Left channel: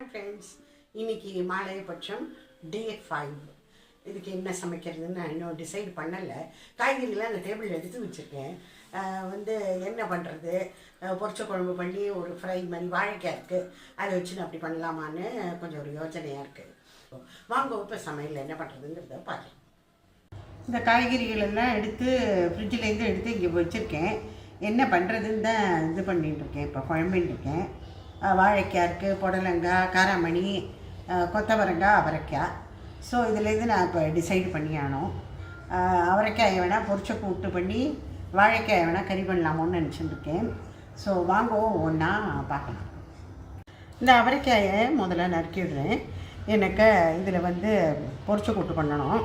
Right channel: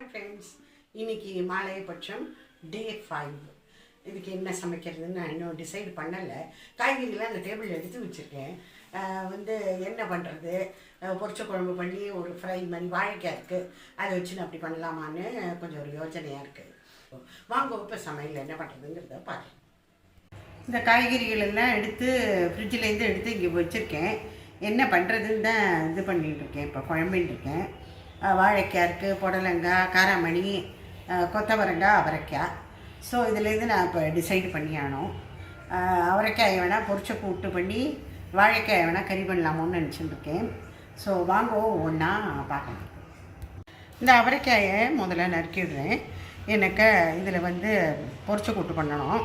Friends, இன்னைக்கு மாலையபட்சம் டே 5. இதுக்கு என்ன சமைக்கிறதுன்னு நான் இன்னும் டிசைட் பண்ணலை. காய்கறிலாம் அந்த டேபிள் எடுத்து வச்சுருக்கேன். என்ன பண்ணுறது, பொரிச்ச குழம்பு பண்ணி ஒரு ஃப்ரை மாதிரி வாழைக்காய் இருக்குது, அதை வச்சு நான் அப்படி பண்ணலாமான்னு கொஞ்சம் ஒரு யோசனையாக இருக்குது. வாங்க இப்போ சமையல் என்ன பண்ணுறதுங்கிறத பார்க்கலாம். இந்த காய்கறிகள் எல்லாம் எடுத்து ஃப்ரிட்ஜிலேருந்து எடுத்து இங்கே வச்சுருக்கேன். என்ன பண்ணுறதுன்னு தான் இது பண்ணிட்டுருக்கேன். இப்போ குழம்பின்ட்டுருக்கேன். வாழைக்காய் இருக்குது, புடலங்காய், காராமணி, கொத்தவரங்காய், அவரைக்காய். ஸோ இதுலேருந்து நான் இப்போ டிசைட் பண்ணி ஆனோம். அவரைக்காயை வேணால் பொரிச்ச கூட்டு பண்ணி வாழைக்காயை வேணால் கறி பண்ணலாமோன்னு நினச்சிட்டுருக்கேன். ஸோ வாங்குவோம், ஒன்றா பார்க்கலாம். இந்த அவரைக்காயை முதல்ல நறுக்கிடுறேன். எனக்கு இதில் பொரிச்ச கூட்டு பண்ணணும்.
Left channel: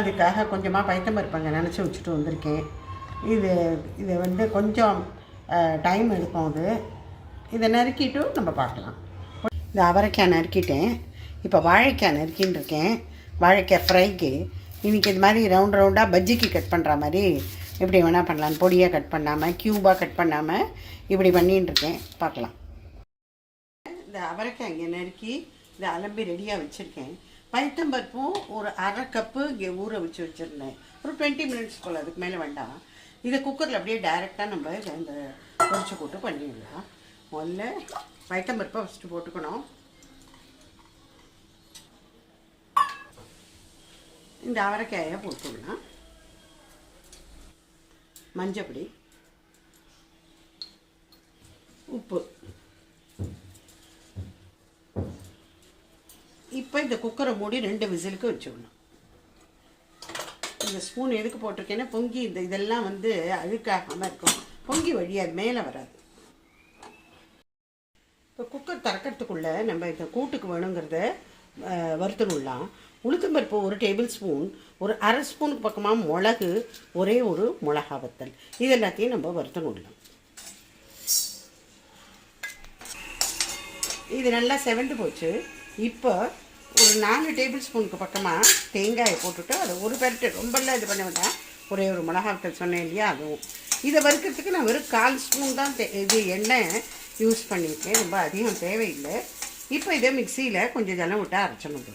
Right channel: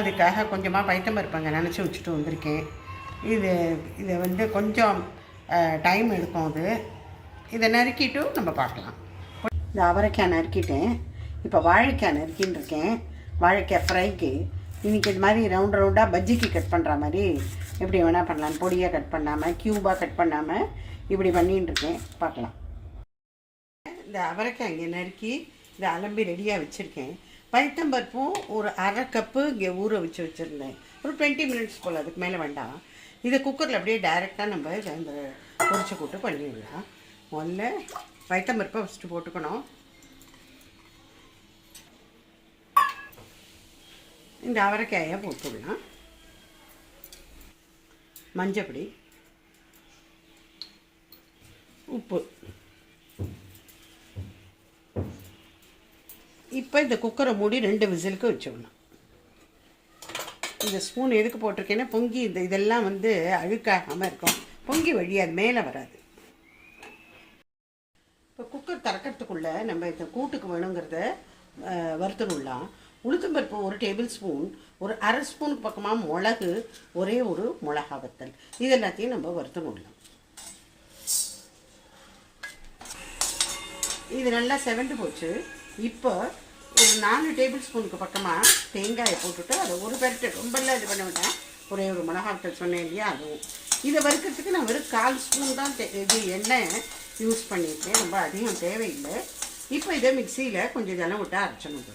அதுக்காக கொஞ்சமாக பைத்தம்பருப்பங்க நினச்சி வச்சுட்டு வந்திருக்கேன். இது கொஞ்சம் டைம் எடுக்கும். இதை நறுக்கிட்டு நம்ம பார்க்கலாம். இந்த அவரைக்காய் நறுக்கிட்டேன். இப்போ வாழைக்காய் நறுக்கின்னு இருக்கேன். வாழைக்காய் ஃப்ரைக்கு இன்றைக்கி இது மாதிரி ரவுண்டாக பஜ்ஜிக்கு கட் பண்ணுற மாதிரி எப்படி வேணால் பண்ணலாம். பொடியாக கட் பண்ணாமல், க்யூபாக கட் பண்ணாமல் இப்படி பண்ணின்னு இருக்கேன். பார்க்கலாம். இந்த அவரைக்காய் இங்கே நறுக்கி இதை அலம்பி ரெடியாக வச்சுருக்கேன். பைத்தம்பருப்பும் ஒரு அரை கப்பு இங்கே ஊற வச்சுருந்தேன். ஒரு 20 மினிட்ஸ் போல், அதுக்கு மேலே வேண்டாம். இதை குக்கரில் அப்படியே டைரெக்டாக நம்ம இந்த பொரிச்ச கூட்டு பண்ணிடலாம். முதல்ல பைத்தம்பருப்பை ஃபஸ்ட்டு போட்டுக்கணும். இந்த அவரைக்காயை போட்டுடலாம். மஞ்சப்பொடி, உப்பு. இப்போ இந்த குக்கரை மூடி 2 விசிலுக்கு வச்சுடலாம். இந்த ஸ்பூன் எதுக்கு போட்டிருக்கேன்னா பொங்கி இதெல்லாம் அழுக்காகாமல் இருக்கும். பொங்கி வழியாது, மேலே வராது. இப்போ குக்கர் திறக்கிறதுக்குள்ளே நம்ம இந்த கூட்டுக்கு வேணுங்கிறத வறுத்துடலாம். உளுத்தம்பருப்பு 1 டேபிள் ஸ்பூன், ஒரு அரை ஸ்பூனுக்கு பக்கமாக மிளகு, ஒரே ஒரு மிளகா வத்தல், இது எல்லாத்தையும் நம்ம வறுத்துடலாம். இது நல்லா செவந்து போச்சு. இப்போ ஒரு 4 டேபிள் ஸ்பூனுக்கு பக்கமாக தேங்காயை போட்டுட்டு அதை ஒரு பெரட்டு, ரொம்பலாம் இது பண்ண வேண்டாம். ஒரே ஒரு மிளகா வத்தல் சொன்னேன் இல்லையா, அதுவும். இதை வறுக்கிறதுக்கு நான் வெறும் 1/4 ஸ்பூன் தான் இது எண்ணெய் யூஸ் பண்ணியிருக்கேன். ரொம்ப அதிகம் தேவையில்லை. இப்போ இதை மிக்சியில் கொஞ்சம் ஜலம் விட்டு அரைச்சணும்.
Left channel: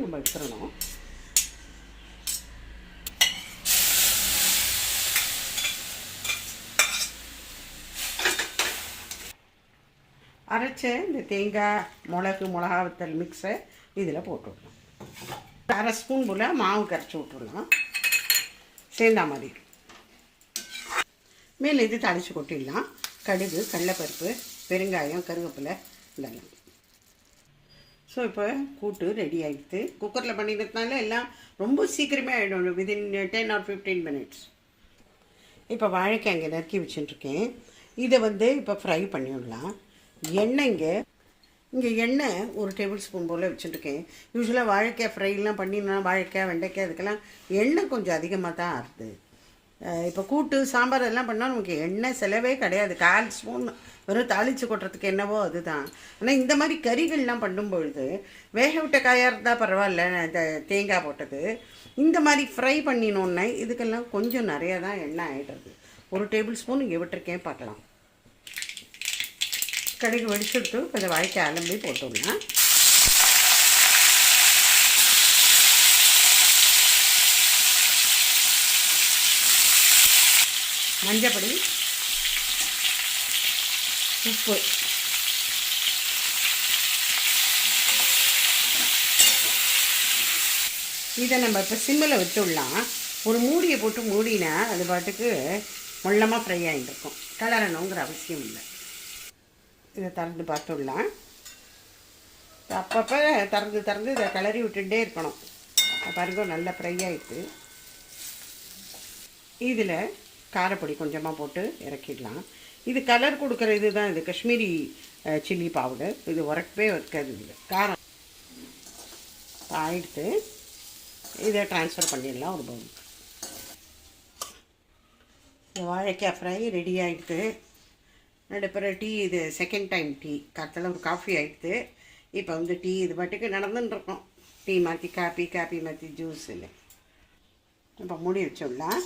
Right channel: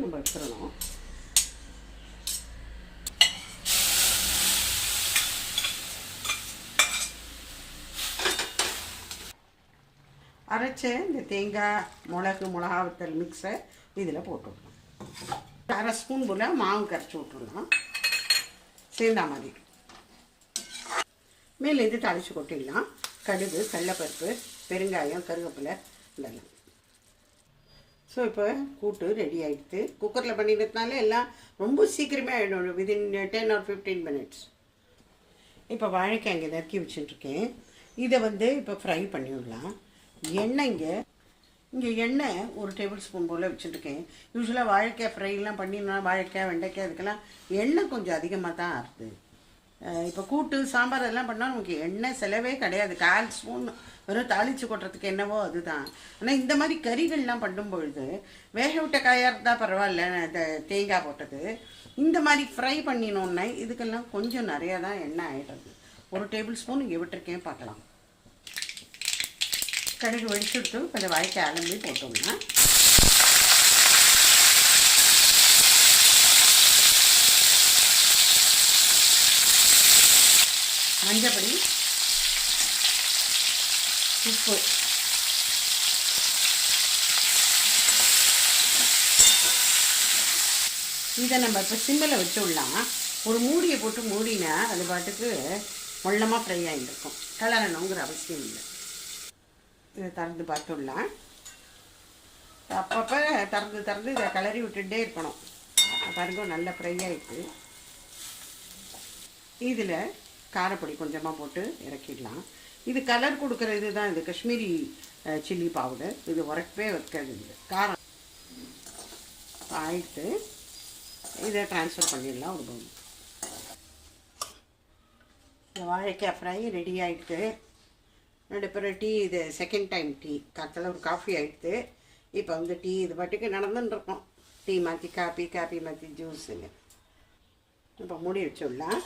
நம்ம எடுத்துடணும். அரைச்ச இந்த தேங்காய், மிளகா வத்தல் மிக்ஸை இதில் போட்டுவிடலாம். அரை ஸ்பூன் போல் மாவு கரைச்சி விட்டுடலாம். சேர்ந்தா மாதிரி மேலேருந்து தாளித்து கொட்டிடலாம். கடுகு, கடலைப்பருப்பு, பெருங்காயம், கருவேப்பிலை இதெல்லாம். ஸோ இப்போ கூட்டு ரெடி ஆகிடுது. குக்கரில் பண்ணிடுறதுனால எல்லாம் ரொம்ப சீக்கிரமே ஆகிடும். Within 10 or 15 minutes. இப்போ வாழைக்காய் இங்கே நறுக்கி வச்சுட்டுருக்கேன். இதை இப்போ ஃப்ரை பண்ணிவிடலாம். எண்ணெய் இங்கே எண்ணெய் 1 டேபிள் ஸ்பூன் போல் வச்சுட்டுருக்கேன். யூஸ்வலாக வாழைக்காய் ஃப்ரைலாம் பண்ணினா வாழைக்காய், வெண்டைக்காய் இதுக்கெல்லாம் எண்ணெய் கொஞ்சம் அதிகமாக தான் ஆகுது. இப்போ கூட்டு, சாம்பார் எல்லாம் பண்ணால் நமக்கு எண்ணெய் செலவே கிடையாது. 1/4 ஸ்பூன் வெறும் தாளித்து கொட்டுறதுக்கு என்னவோ அதுதான். ஆனால் இந்த மாதிரி கறிகள்லாம் பண்ணும்பொழுது வேக விட்ட காயாக இருந்தால் பரவாயில்ல, தேங்காய் போட்டது. இந்த மாதிரி ஃப்ரை பண்ணினோன்னே இதுக்கெல்லாம் கொஞ்சம் நிறையா தான் எண்ணெய் ஆகிடுறது. 1 டேபிள் ஸ்பூன் இங்கே விட்டுருக்கேன். பார்க்கலாம். கடுகு வெடிச்சுட்டு கொஞ்சம் வாழைக்காய் அலம்பி போட்டோம்னா மஞ்சப்பொடி, உப்பு, இதை நம்ம இப்போ சிம்மில் வச்சுடலாம். ஒரு மூடியை போட்டு மூடினா அது பாட்டுக்கு மொள்ளமாக ஃப்ரை ஆகிட்டுருக்கும். கலரணுங்கிற அவசியம் இல்லை. இதை திறந்து பார்த்துடலாம். அப்பப்போ திறந்து இதை கிளறி விட்டுட்டே இருக்கணும். பாருங்க, நல்லா ஃப்ரை ஆகிட்டு. இதில் காரப்பொடி கொஞ்சமாக போட்டு இறக்கிடலாம். இது கலர் கொடுக்குற இது தான். இது காஷ்மீரி சில்லி பவுடர். இது உரக்கவே வைக்காது. இது காரம் ஆகிடுத்து. இதை ட்ரான்ஸ்ஃபர் பண்ணிடலாம் ஒரு பவுல். வாழைக்காய் ஃப்ரை ரெடி ஆகிடுது. நடுப்புற டீ, இது செகண்ட் டைம் டீ. காலத்தில் ஒரு காஃபி ஆகிடுது. இப்போ டீ இது பாட்டுக்கு நடந்துட்டுருக்கோம். டீ மாற்றி காப்பி மாற்றி ஜூஸுன்னு. இப்போ மூடி வச்சிடலாம்.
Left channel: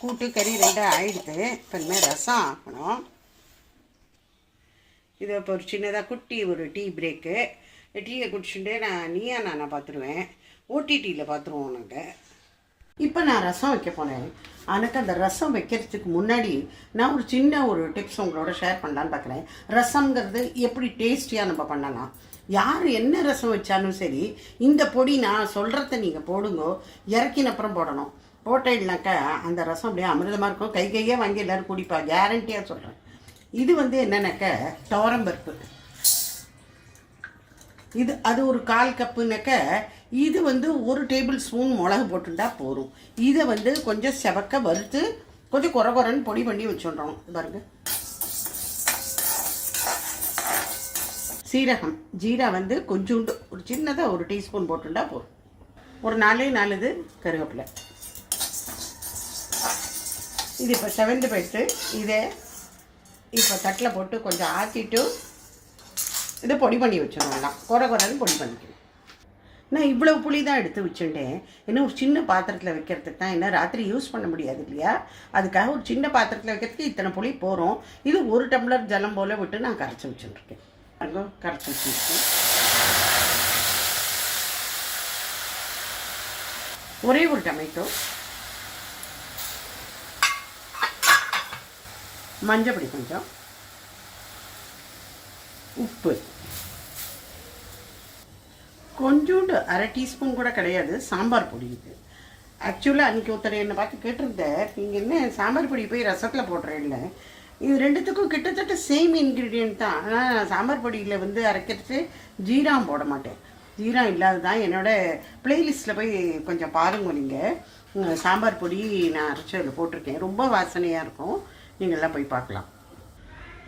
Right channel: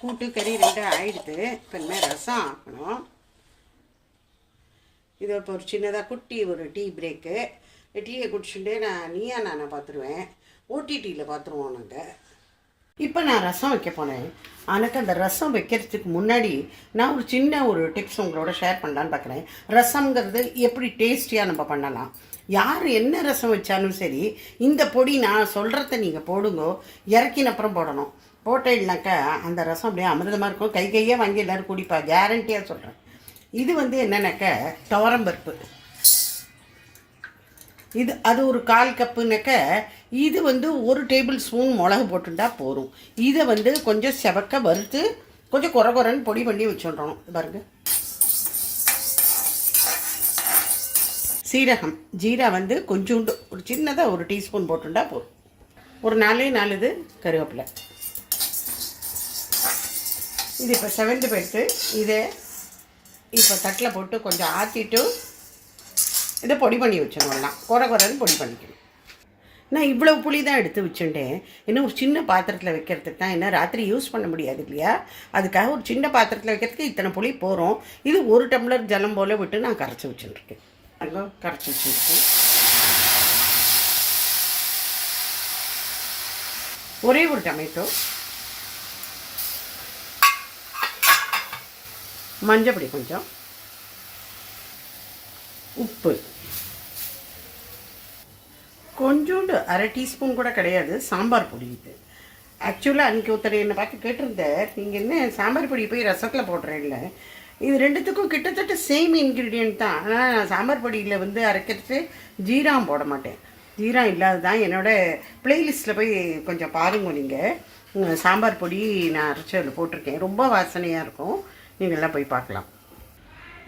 கூட்டு கறி ரெண்டாக ஆயிடுது. இப்போ இனிமேல் ரசம் ஆக்கணும். இது இப்போ ஒரு சின்னதாக குட்டி ஒரு டீ பிரேக்கு. டீயை குடிச்சுட்டு நீயா நானை பார்த்துருவேன். ஓடிடியில் பார்த்துருவோம் நாங்கள். இப்போ நான் ரசம் வைக்க போனேன். எனக்கு அந்த ரசம் வைக்கிறதுக்கு முன்னாடி நான் ஒரு சின்ன ஒரு டிப்ஸ் உங்களோட ஷேர் பண்ணலான்னு பார்க்குறேன். ரசம்ங்கிறது எப்படி டேஸ்டியாக நம்ம பண்ணலாம். யார் என்ன ரசம் வச்சாலும் சரி, இந்த பொடி நான் சொல்கிறத நீங்கள் போடுங்க. இறக்கின அப்புறம் போடணும். போட்டேன்னாக்கா அந்த ரசம் அப்படியே அமிர்தமாக இருக்கும். கையாக வாங்கி எல்லோரும் குடிப்பா, கேரண்டியாக சொல்கிறேன். இது என்னன்னாக்கா துவரம்பருப்பு. இது அது ஒரு 1/4 கப்புனாக்க இது 1 டேபிள் ஸ்பூன் மிளகு போட்டுட்டா போதும். இதை கொஞ்சம் செவக்க வறுத்து கொஞ்சம் குறன்னு பொடி பண்ணி வச்சுடுறோம். பாருங்க, சீரகம் ஜீரா கொஞ்சோண்டு ஒரு சின்னதாக 1 டீஸ்பூன் போட்டுட்டா போதும். ஒரு 4 இது கருவேப்பிலை. இது இப்போ செவந்து போயிட்டு இதை இப்போ தட்டில் போட்டு கொஞ்சம் ஆற்றிட்டு இதை பொடி பண்ணி வச்சிடலாம். குறன்னு பொடி பண்ணிக்கணும். நான் இவ்வளவு புளி தான் எடுத்து வச்சுட்டேன். இன்னும் ஒரு சின்ன பாத்திரத்தில் வைக்கிறதுக்கு தான். என்ன ராத்திரி யூஸ் பண்ண முடியாது இல்லையா, அதுக்காக ஒரு சின்ன பாத்திரத்தில் வைக்கிறதுக்கு இத்தனை புளி போகிறோம். இது 1 டம்ளர் ஜலம் போல் விட்டு நான் கரைச்சி வச்சுட்டுருக்கேன். அங்கே கரைச்சி வச்சுருக்கேன். ஒரே ஒரு டொமேட்டோ, மஞ்சப்பொடி கொஞ்சம், உப்பு கொஞ்சோண்டு 1/2 டீஸ்பூன் கூட கிடையாது, சாம்பார் பொடி. இது ஆக்சுவலாக அன்றைக்கி ஒருத்தர் என்னை பார்த்து கேட்டிருந்தேன், நீங்கள் என்ன சாம்பார் பொடி போய் ரசத்தில் போடுறேன். இல்லை, இது ரெண்டுத்துக்கும் கிட்டத்தட்ட சேம் இன்க்ரீடியன்ட் தான். ஆனால் சாம்பார் பொடியில் அரைக்கிறது ஜீரம் போட மாட்டேன். ஜீரம் இல்லாத தான். என்னோடய ப்ளேலிஸ்ட்டில் போய் கொஞ்சம் பாருங்க. நீங்கள் சாம்பார் பொடி நான் அரைச்சி அதில் போட்டிருக்கேன். ரொம்ப வாசனையாக இருக்கும். நீங்கள்லாம் போய் பார்க்கலாம்.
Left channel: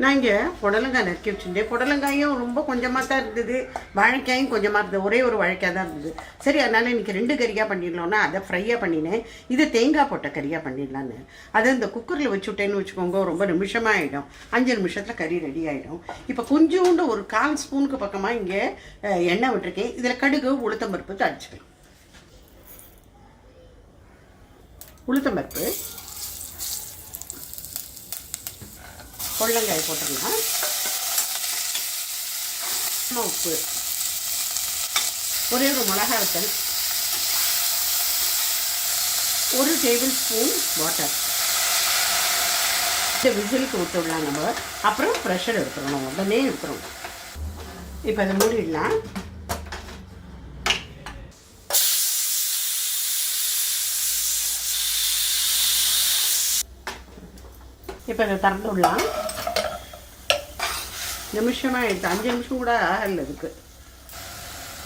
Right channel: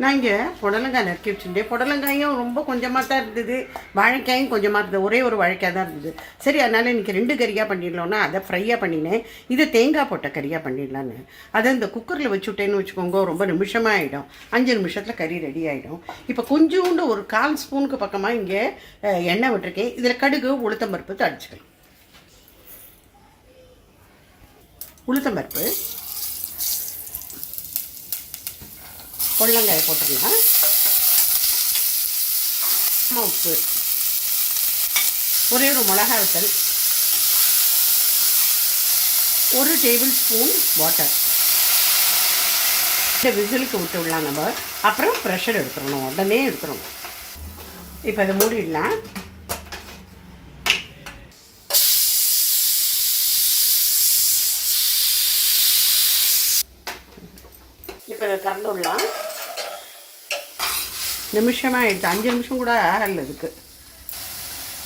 நான் இங்கே புடலங்காய் நறுக்கி வச்சுருந்தேன். புடலங்காயும் ரொம்ப கொஞ்சமாக தான் இருந்தது, வாழைக்காயும் கொஞ்சமாக இருந்தது. ஒரே ஒரு வாழைக்காய் தான் இருந்தது. சரி, அதனால் இன்றைக்கி 2 கறியாக பண்ணிடலாம்னா அதை ஃப்ரையாக பண்ணினேன். இது தேங்காய் போட்ட கறியாக பண்ணிடலான்னு அதை இந்த குக்கரில் வச்சுட்டேன்னு வச்சுக்கோங்க. ரொம்ப நிமிஷமாக ஆகிடும். 5 நிமிஷத்தில் கறி ரெடி ஆகிடும். இப்போ கொஞ்சோண்டு ஒரு 1/4 ஸ்பூனுக்கு பக்கமாக இங்கே எண்ணெய் விட்டுருக்கேன். இதில் கடுகு உளுத்தம்பருப்பு தாளிச்சிக்கலாம். உளுத்தம்பருப்பு, கொள்ளங்காயை போட்டுக்கலாம். உப்பு, ஒரே ஒரு மிளகாய் வத்தல், 1 டேபிள் ஸ்பூன் வாட்டர். இந்த விசிலுக்கு விட்டுடலாம் நம்ம. அப்புறம் ப்ரெஷர் எடுத்துடணும், உடனே எடுத்துடணும். இப்போ அதை மூடிடலாம். இப்போ இதை திறந்து விடலாம். நிமிஷமாக எடுத்து 5 நிமிஷம் கூட ஆகல. இதுக்கு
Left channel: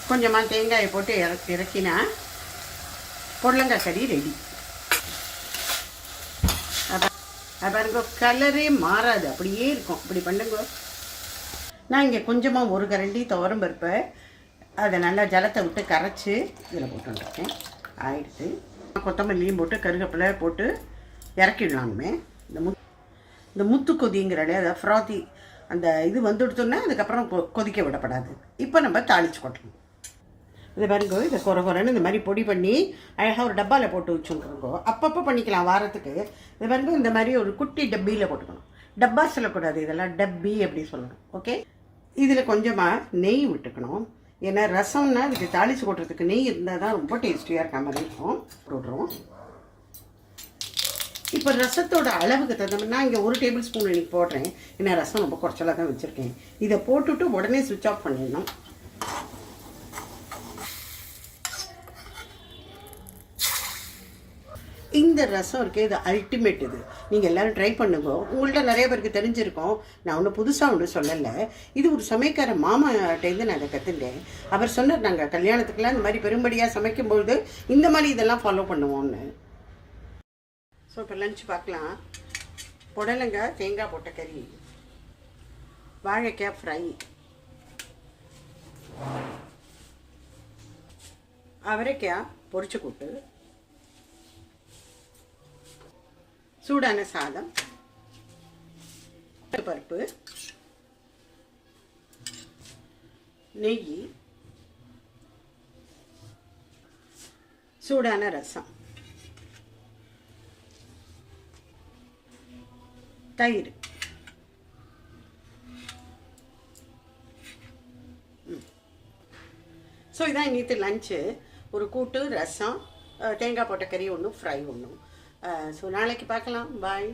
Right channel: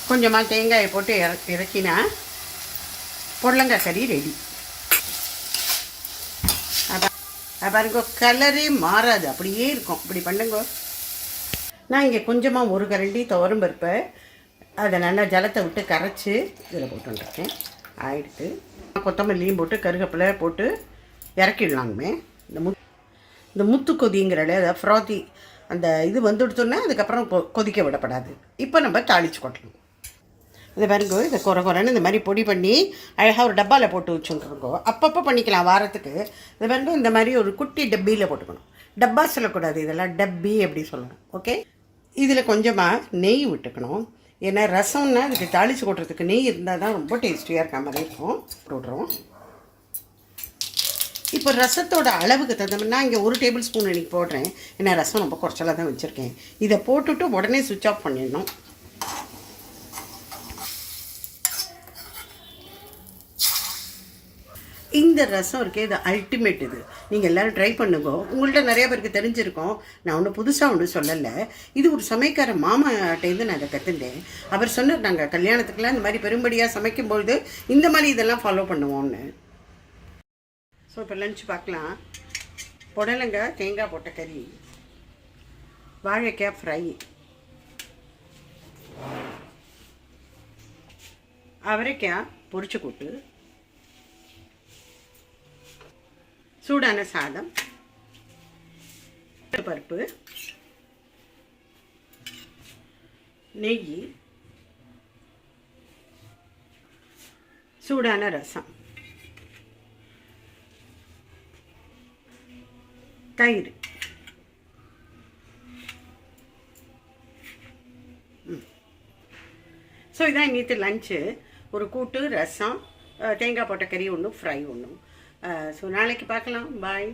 கொஞ்சமாக தேங்காயை போட்டு இறக்கினா புடலங்காய் கறி ரெடி. பாருங்க, கலரே மாறாது, அப்படியே இருக்கும். இப்படி பண்ணுங்க. நான் இங்கே கொஞ்சமாக 1 கரண்டி துவரம் பருப்பை அதை நல்லா ஜலத்தை விட்டு கரைச்சி இதில் போட்டுருக்கேன். ஆயிடுத்து. கொத்தமல்லியும் போட்டு கருவேப்பிலை போட்டு இறக்கிடலாமே. இந்த முத்து கொதிங்கிறல அதை ஃப்ராத்தி அந்த இது வந்துடுத்தோன்னா அதுக்கப்புறம் கொதிக்க விடப்படாது. இப்போ நம்ம தாளித்து கொட்டணும். இது பாருங்க, இதை குறன்னு இந்த மாதிரி பொடி பண்ணி அழகாக ஒரு டப்பாவில் போட்டு வச்சுருக்கோங்க. அப்பப்போ பண்ணிக்கலாம் வாரத்துக்கு. இது பாருங்க, இந்த மாதிரி ஒரு குட்டி டப்பியில் போட்டுக்கணும். டப்பா சொல்லக்கூடாது, இதெல்லாம் டப்பி அப்படி சொல்லணும். ஓகே, இதில் கொஞ்சமாக நெய் விட்டுக்கணும். ஏன்னா ரசம்னா இதுக்கு தாளித்து கொட்டுறதுக்கு நெய் இருந்தால் தான் ரொம்ப டேஸ்டியாக இருக்க மாதிரி இருக்கும். போடுறோம். இப்போ ரசத்தோட அளவுக்கு தகுந்த நான் இங்கே 1 டேபிள் ஸ்பூன் இன்றைக்கி போடுறேன். ஏன்னா ரசம் ரொம்ப குறைச்சலாக தான் வச்சுருக்கேன். இதை போட்டுட்டு உடனே சுவிட்ச் ஆஃப் பண்ணிடணும். இந்த ரசம் இருக்கே, இது அல்டிமேட். இது நீங்கள் எல்லோரும் ட்ரை பண்ணுங்க. உங்கள்கிட்ட நிறைய பேருக்கு தெரிஞ்சிருக்கோம். நான் ஒன்றும் புதுசாக ஒன்றும் சொல்லலை. இது ஒரு சமைக்கார மாமாட்டேருந்து நான் அதை கற்றுட்டேன். அவர் சொன்னார், நாங்கள் கல்யாணத்துக்குலாம் இந்த மாதிரி பெரும்படியாக சமைக்கும்பொழுது இந்த மாதிரி இதெல்லாம் ஃபாலோ பண்ணுவோம்னு. ஸோ இப்போ லஞ்ச் பார்க்கலாம். புடலங்காய் தேங்காய் போட்ட கறி, வாழைக்காய் ஃப்ரை, அவரைக்காய் பொரிச்சு கூட்டு, சூடான சாதம், பருப்பு, நெய், சூடான ரசம், தயிர். ஸோ இதான் இன்னைக்கு லஞ்சு. ஒரு கூட்டு, ரசம், தேங்காய் போட்ட கறி ஒன்று, ஃப்ரை ஒன்று. ஸோ நாளைக்கு பார்க்கலாம். பாய்.